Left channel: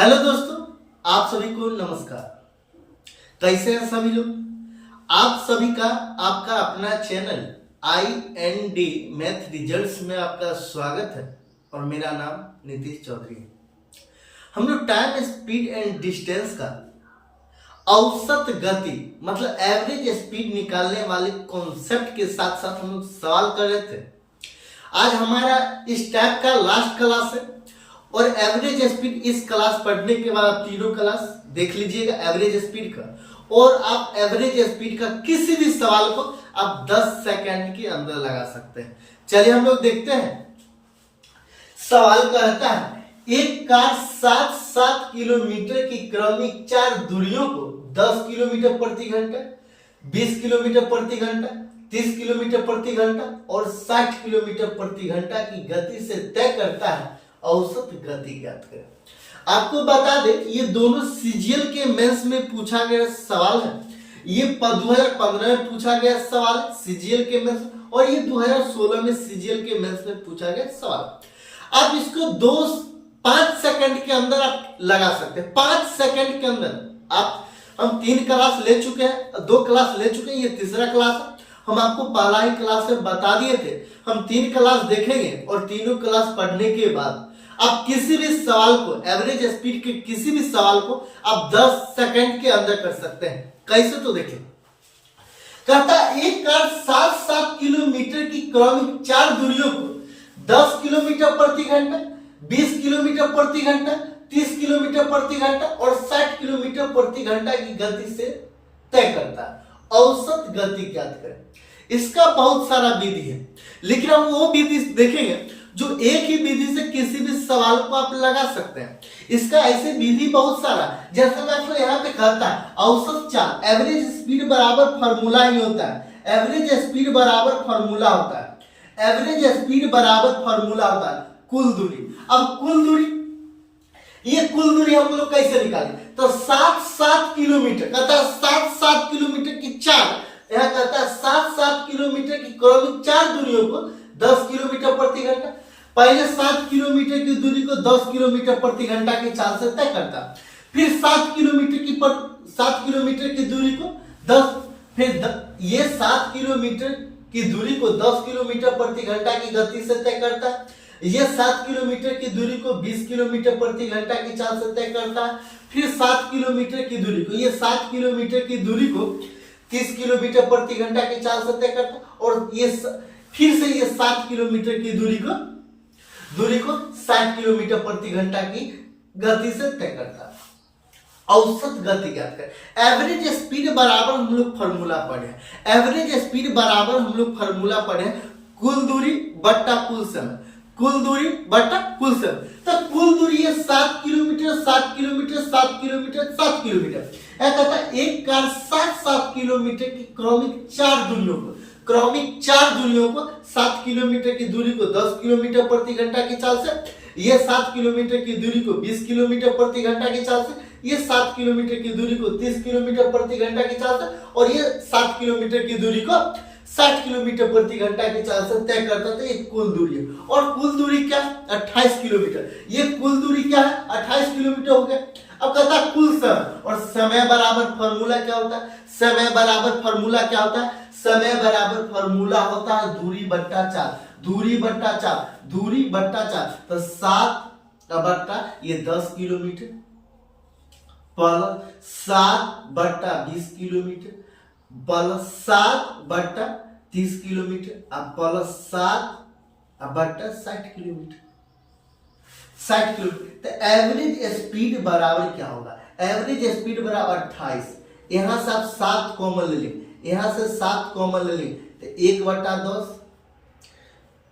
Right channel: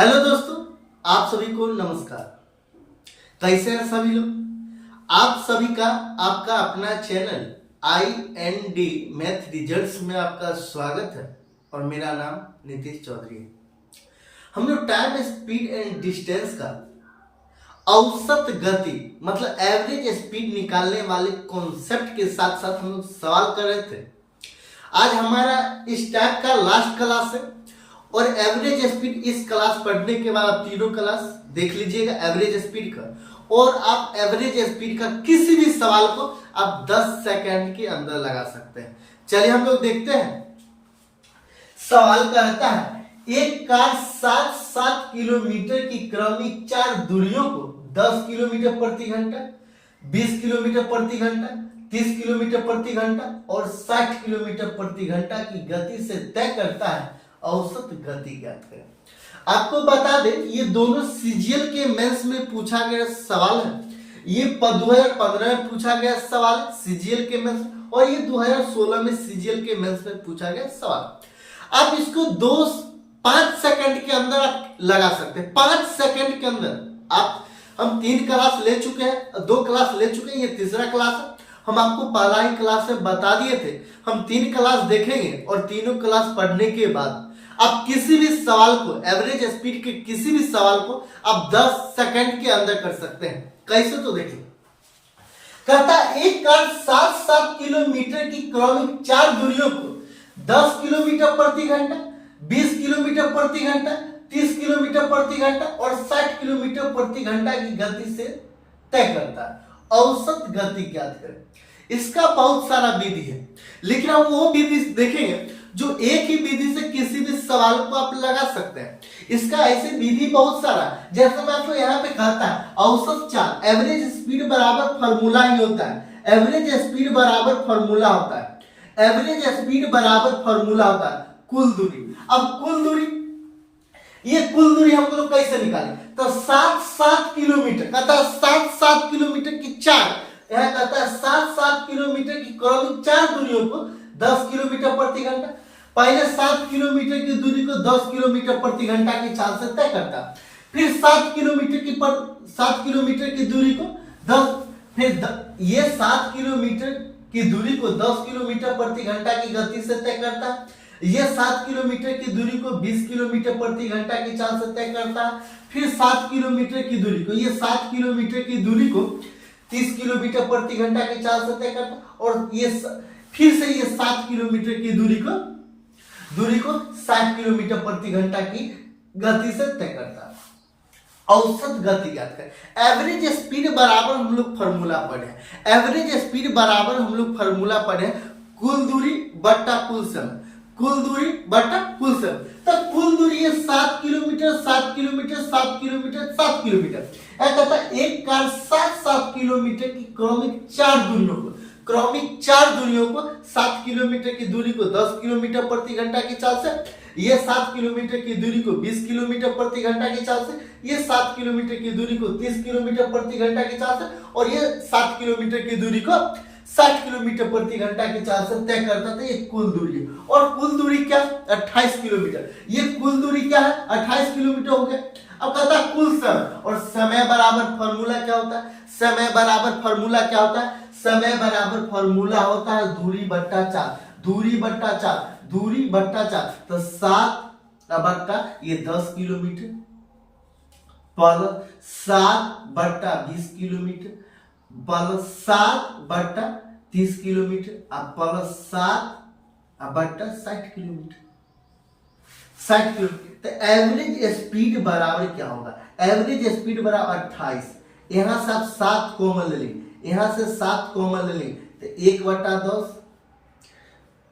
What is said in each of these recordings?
Hello दोस्तों, आप सभी को नमस्कार। कैसे हैं सभी लोग? आप सभी का आपका अपना चैनल IND मैथ रिजल्ट्स में आपका स्वागत है और मेरा नाम नीतीश चौधरी है। हम लोग टाइम, स्पीड एंड डिस्टेंस का औसत गति मतलब एवरेज स्पीड निकालने वाले कॉन्सेप्ट के साथ साथ हम लोग सवाल कर रहे थे। आज हमारा इस टाइप का लास्ट क्लास है और एवरेज स्पीड इस क्लास पढ़ने के बाद आप तीनों क्लास देख लीजिएगा एवरेज स्पीड का, और आप एवरेज स्पीड का किसी भी सवाल को आप 10 सेकंड के अंदर लगा सकते हैं। चलिए हम लोग देखते हैं। सवाल कहता है एक कार 7 किलोमीटर की क्रमिक 4 दूरियों को 10 किलोमीटर प्रति घंटा, 20 किलोमीटर प्रति घंटा, 30 किलोमीटर प्रति घंटा और 60 किलोमीटर प्रति घंटा की गति से तय करता है। औसत गति ज्ञात करें। आपको बता दें ये दोनों सीजीएल के मेंस में पूछा गया सवाल है। ये 2015 में पूछा गया सवाल है सीजीएल के मेंस, और ये 2016 में सीजीएल के मेंस में पूछा गया सवाल। आप इसको 5 सेकंड के अंदर आप लगा सकते हैं। 5 सेकंड के अंदर आप, हम 3 क्लास ले चुके हैं, 2 क्लास ले चुके हैं, ये तीसरा क्लास है। हम आपको पहला ही क्लास में बता दिए थे हम 3 क्लास देखेंगे और तीनों क्लास पढ़ने के बाद आप किसी भी सवाल को, एवरेज स्पीड के किसी भी सवाल को आप 10 सेकंड के अंदर कर सकते हैं। कैसे तो देखिए, कहता एक कार 7 किलोमीटर की क्रमिक 4 दूरियों को 10 किलोमीटर प्रति घंटा, 20 किलोमीटर प्रति घंटा, 30 किलोमीटर प्रति घंटा और 60 किलोमीटर प्रति घंटा की गति से तय करता है। औसत गति ज्ञात करें। इसका बहुत सारा विधि है, लेकिन हम वो विधि देखेंगे जो एक ही विधि से किसी भी सवाल को आप लगा सकते हैं। इसका ऐसे विधि बहुत सारा, जैसे मैं आपको यहाँ पे कहता है औसत चाल, एवरेज स्पीड बराबर फॉर्मूला ही होता है। एवरेज स्पीड बराबर फॉर्मूला होता है। एवरेज स्पीड बराबर फॉर्मूला होता है कुल दूरी। अब कुल दूरी, ये कुल दूरी हम लोग कैसे निकालें? तो 7 किलोमीटर, कहता है 7 किलोमीटर की 4, यह कहता है 7 किलोमीटर की क्रमिक 4 दूरियों को 10 किलोमीटर प्रति घंटा। पहले 7 किलोमीटर की दूरी को 10 किलोमीटर प्रति घंटा की चाल से तय करता, फिर 7 किलोमीटर की दूरी को 10, फिर ये 7 किलोमीटर की दूरी को 10 किलोमीटर प्रति घंटा की गति से तय करता है। ये 7 किलोमीटर की दूरी को 20 किलोमीटर प्रति घंटा की चाल से तय करता है। फिर 7 किलोमीटर की दूरी को, ये 7 किलोमीटर की दूरी को 30 किलोमीटर प्रति घंटा की चाल से तय करता है, और ये फिर से ये 7 किलोमीटर की दूरी को 60 किलोमीटर प्रति घंटा की गति से तय करता है। औसत गति ज्ञात करें। एवरेज स्पीड बराबर हम लोग फॉर्मूला पढ़े। एवरेज स्पीड बराबर हम लोग फॉर्मूला पढ़े कुल दूरी बट्टा कुल समय। कुल दूरी बट्टा कुल समय। तो कुल दूरी है 7 किलोमीटर, 7 किलोमीटर, 7 किलोमीटर, 7 किलोमीटर। यह कहता है एक कार 7 किलोमीटर की क्रमिक 4 दूरियों को, क्रमिक 4 दूरियों को 7 किलोमीटर की दूरी को 10 किलोमीटर प्रति घंटा की चाल से, ये 7 किलोमीटर की दूरी को 20 किलोमीटर प्रति घंटा की चाल से, ये 7 किलोमीटर की दूरी को 30 किलोमीटर प्रति घंटा की चाल से, और ये 7 किलोमीटर की दूरी को 60 किलोमीटर प्रति घंटा की चाल से तय करता था। ये कुल दूरी है, और कुल दूरी क्या? 28 किलोमीटर। ये कुल दूरी क्या है? 28 किलोमीटर हो गया। अब कहता है कुल समय, और समय बराबर फॉर्मूला क्या होता है? समय बराबर फॉर्मूला क्या होता है? समय बराबर फॉर्मूला होता है दूरी बट्टा चाल। दूरी बट्टा चाल, दूरी बट्टा चाल। तो 7 का बट्टा ये 10 किलोमीटर प्लस 7 बट्टा 20 किलोमीटर प्लस 7 बट्टा 30 किलोमीटर अब प्लस 7 बट्टा 60 किलोमीटर। 60 किलोमीटर। तो एवरेज स्पीड बराबर क्या होगा? एवरेज स्पीड बराबर 28। यहां से आप 7 कॉमन ले लेंगे, यहां से 7 कॉमन ले लेंगे, तो 1/10,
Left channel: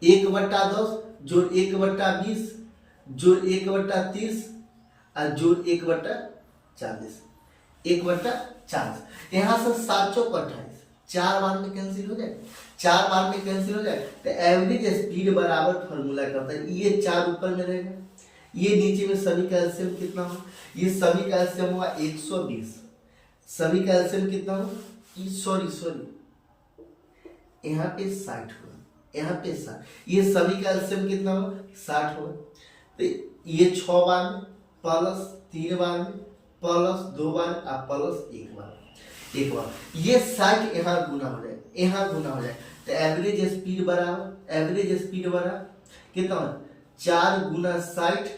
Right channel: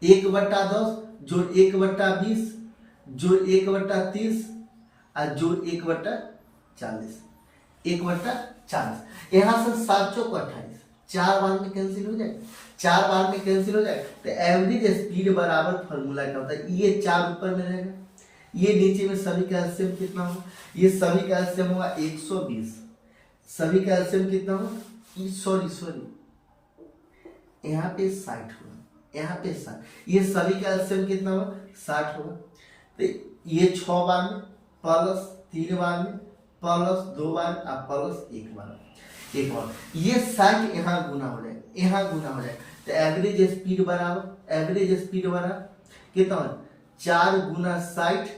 1/10 जोड़ 1/20 जोड़ 1/30 और जोड़ 1/40, 1/40। यहां से 7 चौक 28, 4 बार में कैंसिल हो जाएगा, 4 बार में कैंसिल हो जाएगा। तो एवरेज स्पीड बराबर फॉर्मूला क्या होता है? ये 4 ऊपर में रहेगा, ये नीचे में सभी का एलसीएम कितना होगा? ये सभी का एलसीएम होगा 120। सभी का एलसीएम कितना होगा? सॉरी यहाँ पे 60 होगा, यहाँ पे 60। ये सभी का एलसीएम कितना होगा? 60 होगा। तो ये 6 बार में प्लस 3 बार में प्लस 2 बार आप प्लस 1 बार एक बार, ये 60 यहाँ गुना हो जाए, यहाँ गुना हो जाए, तो एवरेज स्पीड बराबर कितना 4 गुना 60,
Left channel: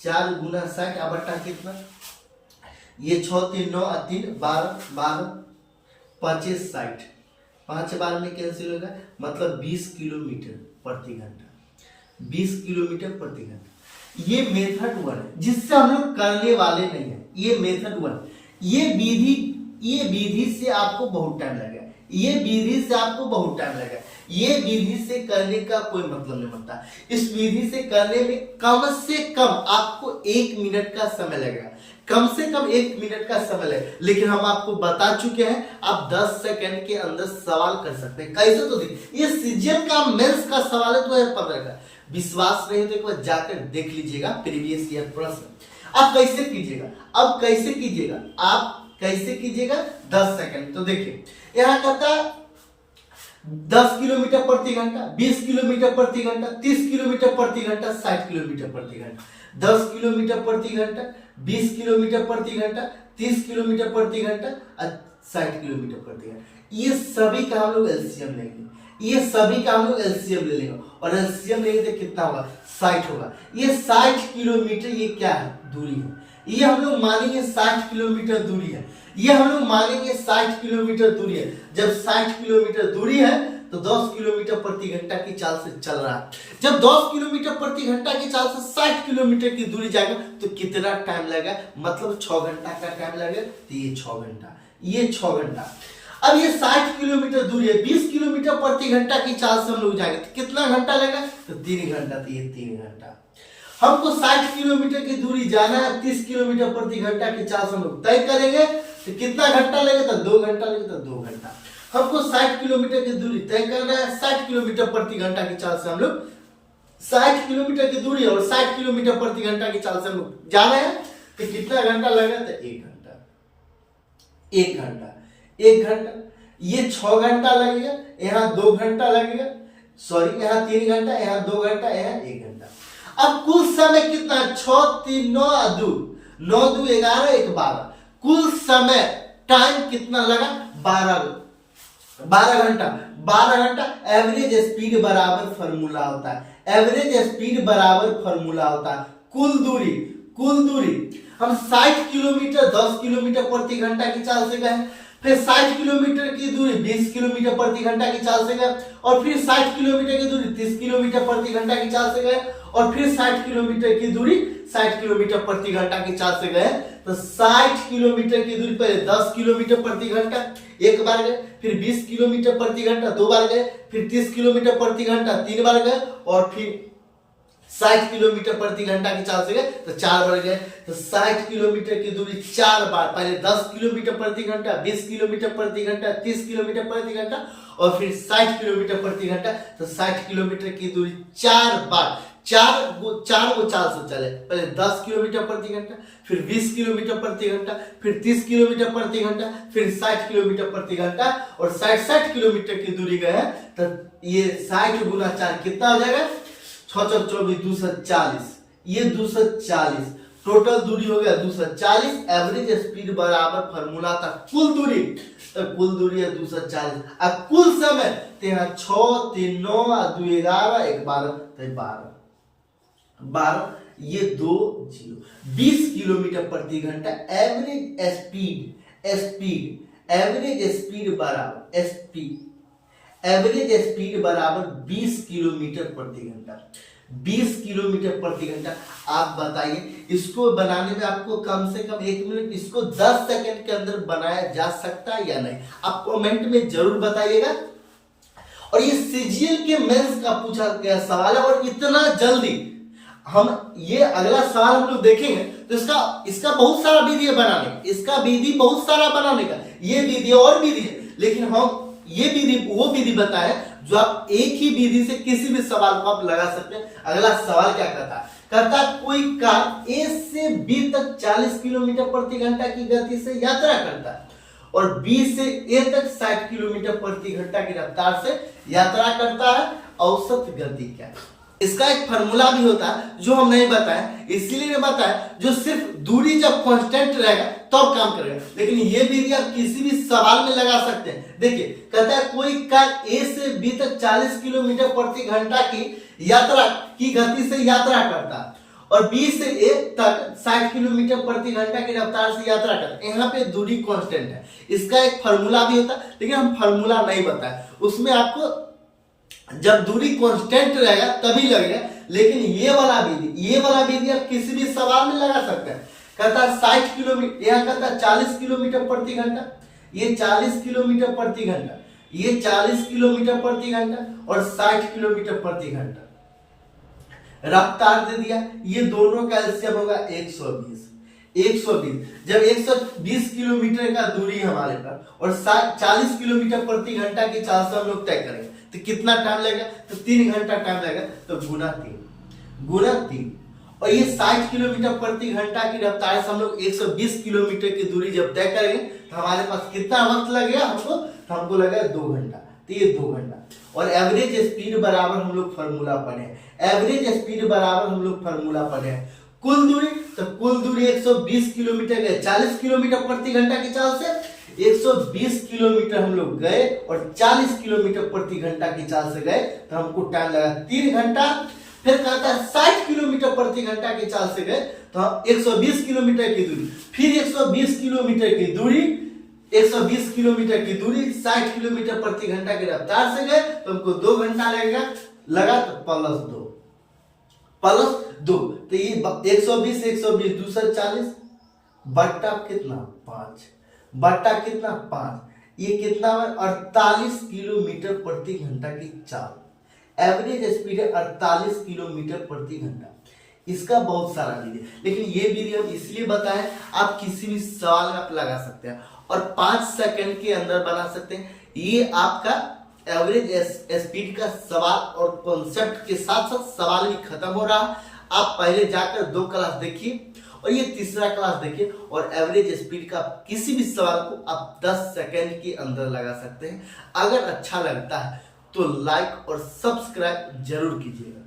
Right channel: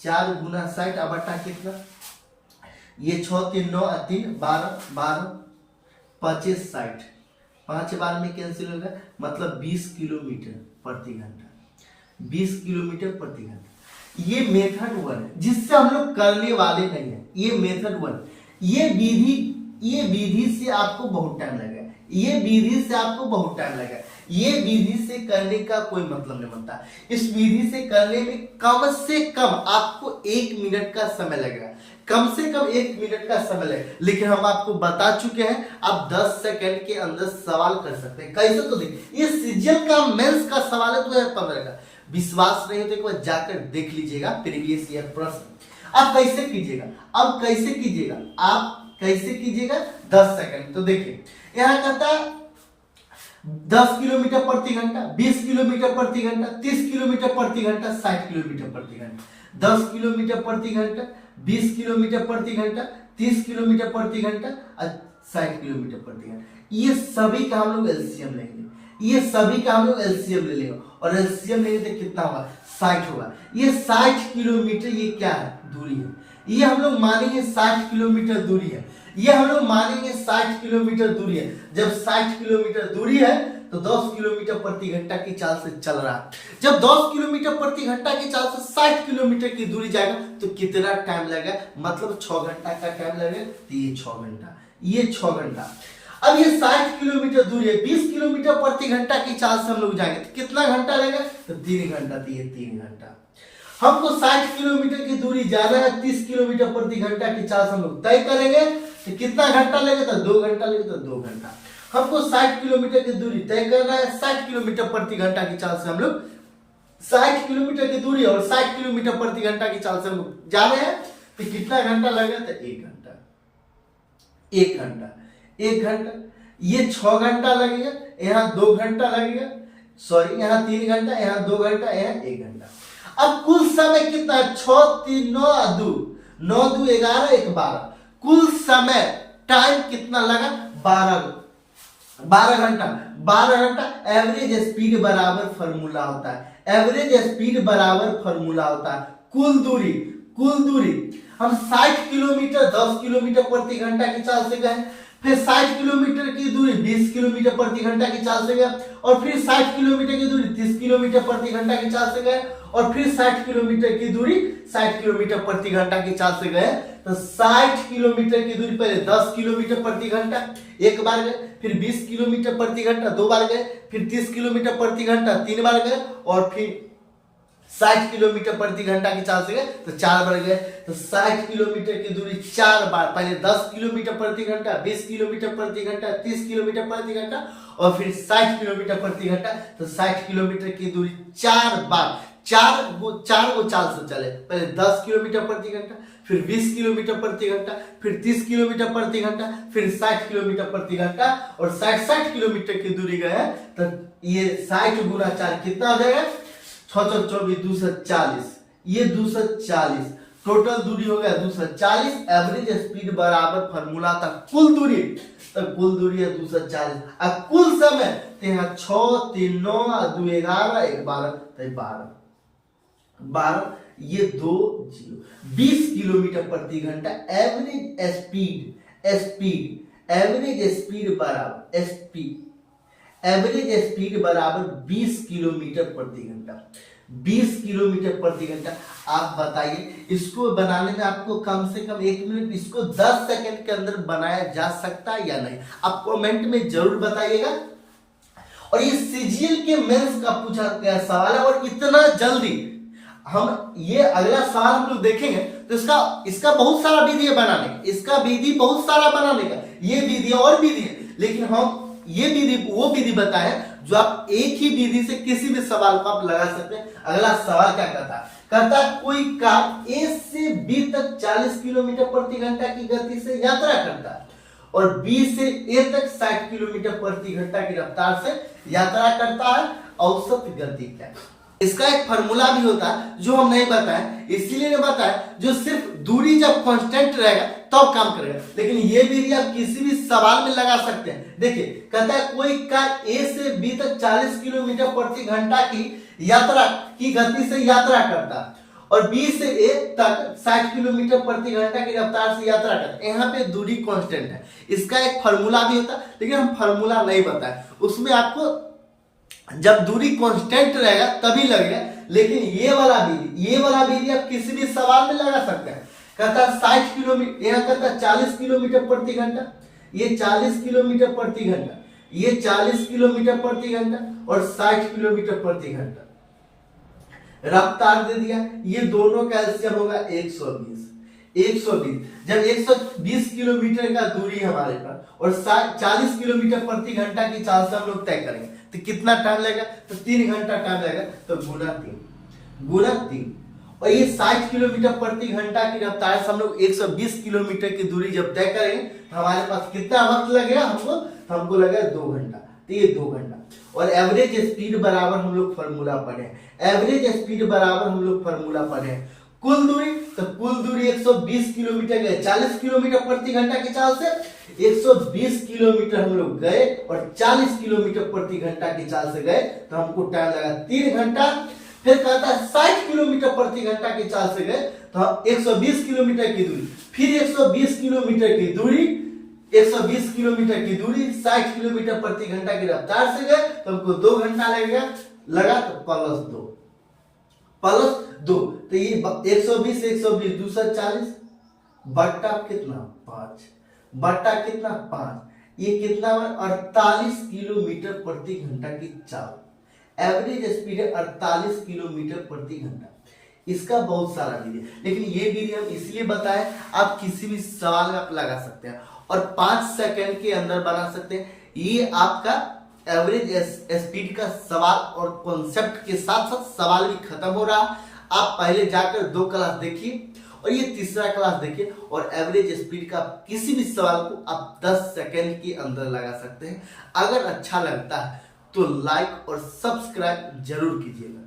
4 गुना 60 अब बटा कितना, ये 6 3 9 3 12 12 25 60, 5 बार में कैंसिल होगा, मतलब 20 किलोमीटर प्रति घंटा, 20 किलोमीटर प्रति घंटा। ये मेथड 1 है जिससे हम लोग करने वाले नहीं है, ये मेथड 1। ये विधि से आपको बहुत टाइम लगेगा, ये विधि से आपको बहुत टाइम लगेगा, ये विधि से करने का कोई मतलब नहीं बनता। इस विधि से करने में कम से कम आपको 1 मिनट का समय लगेगा, कम से कम 1 मिनट का समय लगेगा, लेकिन हम आपको बता चुके हैं आप 10 सेकंड के अंदर सवाल कर सकते हैं। कैसे, तो देखिए ये सीजीएल का मेंस का सवाल है 2015 का, विश्वास नहीं तो एक बार जाकर देख लीजिएगा प्रीवियस ईयर प्रश्न। आप कैसे कीजिएगा, 10 सेकंड। तो देखिए यहाँ कहता है 10 किलोमीटर प्रति घंटा, 20 किलोमीटर प्रति घंटा, 30 किलोमीटर प्रति घंटा, 60 किलोमीटर प्रति घंटा, 10 किलोमीटर प्रति घंटा, 20 किलोमीटर प्रति घंटा, 30 किलोमीटर प्रति घंटा और 60 किलोमीटर प्रति घंटा। ये सभी का हम लोग एलसीएम लेंगे, ले लेंगे और एलसीएम लेंगे तो कितना होगा, 60 होगा। ये 60 किलोमीटर ये क्या है, दूरी है, ये हम लोग मानेंगे 60 किलोमीटर दूरी है, ये हम लोग मानेंगे 60 किलोमीटर दूरी है। जब 60 किलोमीटर दूरी है तो 10 किलोमीटर प्रति घंटा की चाल से चल रहा है। जब 10 किलोमीटर प्रति घंटा की चाल से 60 किलोमीटर की दूरी जाएगा तो कितना टाइम लगेगा, मतलब 6 घंटा का टाइम लगेगा। तो ये 6 घंटा, ये 6 घंटा। अब ये 60 किलोमीटर दूरी है, 20 किलोमीटर प्रति घंटा की चाल से हम लोग जाएंगे तो कितना घंटा लगेगा, तो 3 घंटा। तो ये 3 घंटा। हमको 60 किलोमीटर की दूरी जाना है, 30 किलोमीटर प्रति घंटा की चाल से हम लोग तय करेंगे तो कितना घंटा लगेगा, तो 2 घंटा लगेगा। तो 2 घंटा। हमको 60 किलोमीटर की दूरी तय करना है, 60 किलोमीटर प्रति घंटा की चाल से हम लोग 60 किलोमीटर की दूरी और 60 किलोमीटर प्रति घंटा की चाल से हम लोग जा रहे हैं तो कितना घंटा लगेगा, तो 1 घंटा। 1 घंटा। ये 6 घंटा लगेगा, यहाँ 2 घंटा लगेगा, सॉरी यहाँ 3 घंटा, यहाँ 2 घंटा, यहाँ 1 घंटा। अब कुल समय कितना है, 6 3 9 2 9 2 11 1 12, कुल समय टाइम कितना लगा, 12 घंटा। 12 घंटा। एवरेज स्पीड बराबर फॉर्मूला होता है, एवरेज स्पीड बराबर फॉर्मूला होता है कुल दूरी। हम 60 किलोमीटर 10 किलोमीटर प्रति घंटा की चाल से गए, फिर 60 किलोमीटर की दूरी 20 किलोमीटर प्रति घंटा की चाल से गए, और फिर 60 किलोमीटर की दूरी 30 किलोमीटर प्रति घंटा की चाल से गए, और फिर 60 किलोमीटर की दूरी 60 किलोमीटर प्रति घंटा की चाल से गए। तो 60 किलोमीटर की दूरी पहले 10 किलोमीटर प्रति घंटा एक बार गए, फिर 20 किलोमीटर प्रति घंटा 2 बार गए, फिर 30 किलोमीटर प्रति घंटा 3 बार गए, और फिर 60 किलोमीटर प्रति घंटा की चाल से गए तो 4 बार गए। तो 60 किलोमीटर की दूरी 4 बार, पहले 10 किलोमीटर प्रति घंटा, 20 किलोमीटर प्रति घंटा, 30 किलोमीटर प्रति घंटा, और फिर 60 किलोमीटर प्रति घंटा। तो 60 किलोमीटर की दूरी 4 बार, 4 गो चाल से चले, पहले 10 किलोमीटर प्रति घंटा, फिर 20 किलोमीटर प्रति घंटा, फिर 30 किलोमीटर प्रति घंटा, फिर 60 किलोमीटर प्रति घंटा, और 60 किलोमीटर की दूरी गए। तो ये 60 गुना 4 कितना हो जाएगा, 6 24 240, ये 240 टोटल दूरी हो गया 240। एवरेज स्पीड बराबर फॉर्मूला था कुल दूरी, तो कुल दूरी है 240। अब कुल समय तो यहाँ 6 3 9 2 11 1 12, तो 12, ये 2 0, 20 किलोमीटर प्रति घंटा। एवरेज स्पीड बराबर 20 किलोमीटर प्रति घंटा। 20 किलोमीटर प्रति घंटा। आप बताइए इसको बनाने में आपको कम से कम 1 मिनट, इसको 10 सेकंड के अंदर बनाया जा सकता है या नहीं, आप कमेंट में जरूर बताइएगा। और ये सीजीएल के मेंस का पूछा गया सवाल है, और इतना जल्दी हम ये अगला सवाल हम लोग देखेंगे तो इसका बहुत सारा विधि है बनाने का, इसका विधि बहुत सारा बनाने का, ये विधि और विधि है, लेकिन हम ये विधि वो विधि बताएं जो आप एक ही विधि से किसी भी सवाल को आप लगा सकते हैं। अगला सवाल क्या कहता है कोई कार ए से बी तक 40 किलोमीटर प्रति घंटा की गति से यात्रा करता है और बी से ए तक 60 किलोमीटर प्रति घंटा की रफ्तार से यात्रा करता है, औसत गति क्या है। इसका एक फार्मूला भी होता है जो हम नहीं बताएं, इसीलिए नहीं बताएं, जो सिर्फ दूरी जब कांस्टेंट रहेगा तब काम करेगा। लेकिन ये भी आप किसी भी सवाल में लगा सकते हैं। देखिए कहता है कोई कार ए से बी तक 40 किलोमीटर प्रति घंटा की यात्रा की गति से यात्रा करता है और बी से ए तक 60 किलोमीटर प्रति घंटा की रफ्तार से यात्रा करता है। यहाँ पे दूरी कांस्टेंट है, इसका एक फार्मूला भी होता है, लेकिन हम फार्मूला नहीं बताएं। उसमें आपको जब दूरी कांस्टेंट रहेगा तभी लगेगा। लेकिन ये वाला विधि आप किसी भी सवाल में लगा सकते हैं। कहता है 60 किलोमीटर, यहाँ कहता है 40 किलोमीटर प्रति घंटा, ये 40 किलोमीटर प्रति घंटा, ये 40 किलोमीटर प्रति घंटा और 60 किलोमीटर प्रति घंटा रफ्तार दे दिया। ये दोनों का एलसीएम होगा 120। जब 120 किलोमीटर का दूरी हमारे पास और 40 किलोमीटर प्रति घंटा की चाल से हम लोग तय करें तो कितना टाइम लगेगा? तो 3 घंटा टाइम लगेगा। तो गुना 3 और ये 60 किलोमीटर प्रति घंटा की रफ्तार से हम लोग 120 किलोमीटर की दूरी जब तय करेंगे तो हमारे पास कितना वक्त लगेगा? हमको लगेगा 2 घंटा। तो ये 2 घंटा। और एवरेज स्पीड बराबर हम लोग फार्मूला पढ़े, एवरेज स्पीड बराबर हम लोग फार्मूला पढ़े कुल दूरी। तो कुल दूरी 120 किलोमीटर गए 40 किलोमीटर प्रति घंटा की चाल से 120 किलोमीटर हम लोग गए और 40 किलोमीटर प्रति घंटा की चाल से गए तो हमको टाइम लगा 3 घंटा। फिर कहता है 60 किलोमीटर प्रति घंटा की चाल से गए तो 120 किलोमीटर की दूरी, फिर 120 किलोमीटर की दूरी 60 किलोमीटर प्रति घंटा की रफ्तार से गए तो हमको 2 घंटा लगेगा। लगा तो प्लस 2। तो ये 120 240 बट्टा कितना 5 बट्टा कितना 5, ये कितना 48 किलोमीटर प्रति घंटा की चाल। एवरेज स्पीड है 48 किलोमीटर प्रति घंटा। इसका बहुत सारा विधि है, लेकिन ये विधि हम इसलिए बताएं आप किसी भी सवाल में आप लगा सकते हैं और 5 सेकंड के अंदर बना सकते हैं। ये आपका एवरेज स्पीड का सवाल और कॉन्सेप्ट के साथ साथ सवाल भी खत्म हो रहा। आप पहले जाकर 2 क्लास देखिए और ये तीसरा क्लास देखिए और एवरेज स्पीड का किसी भी सवाल को आप 10 सेकंड के अंदर लगा सकते हैं। अगर अच्छा लगता है तो लाइक और सब्सक्राइब जरूर कीजिएगा।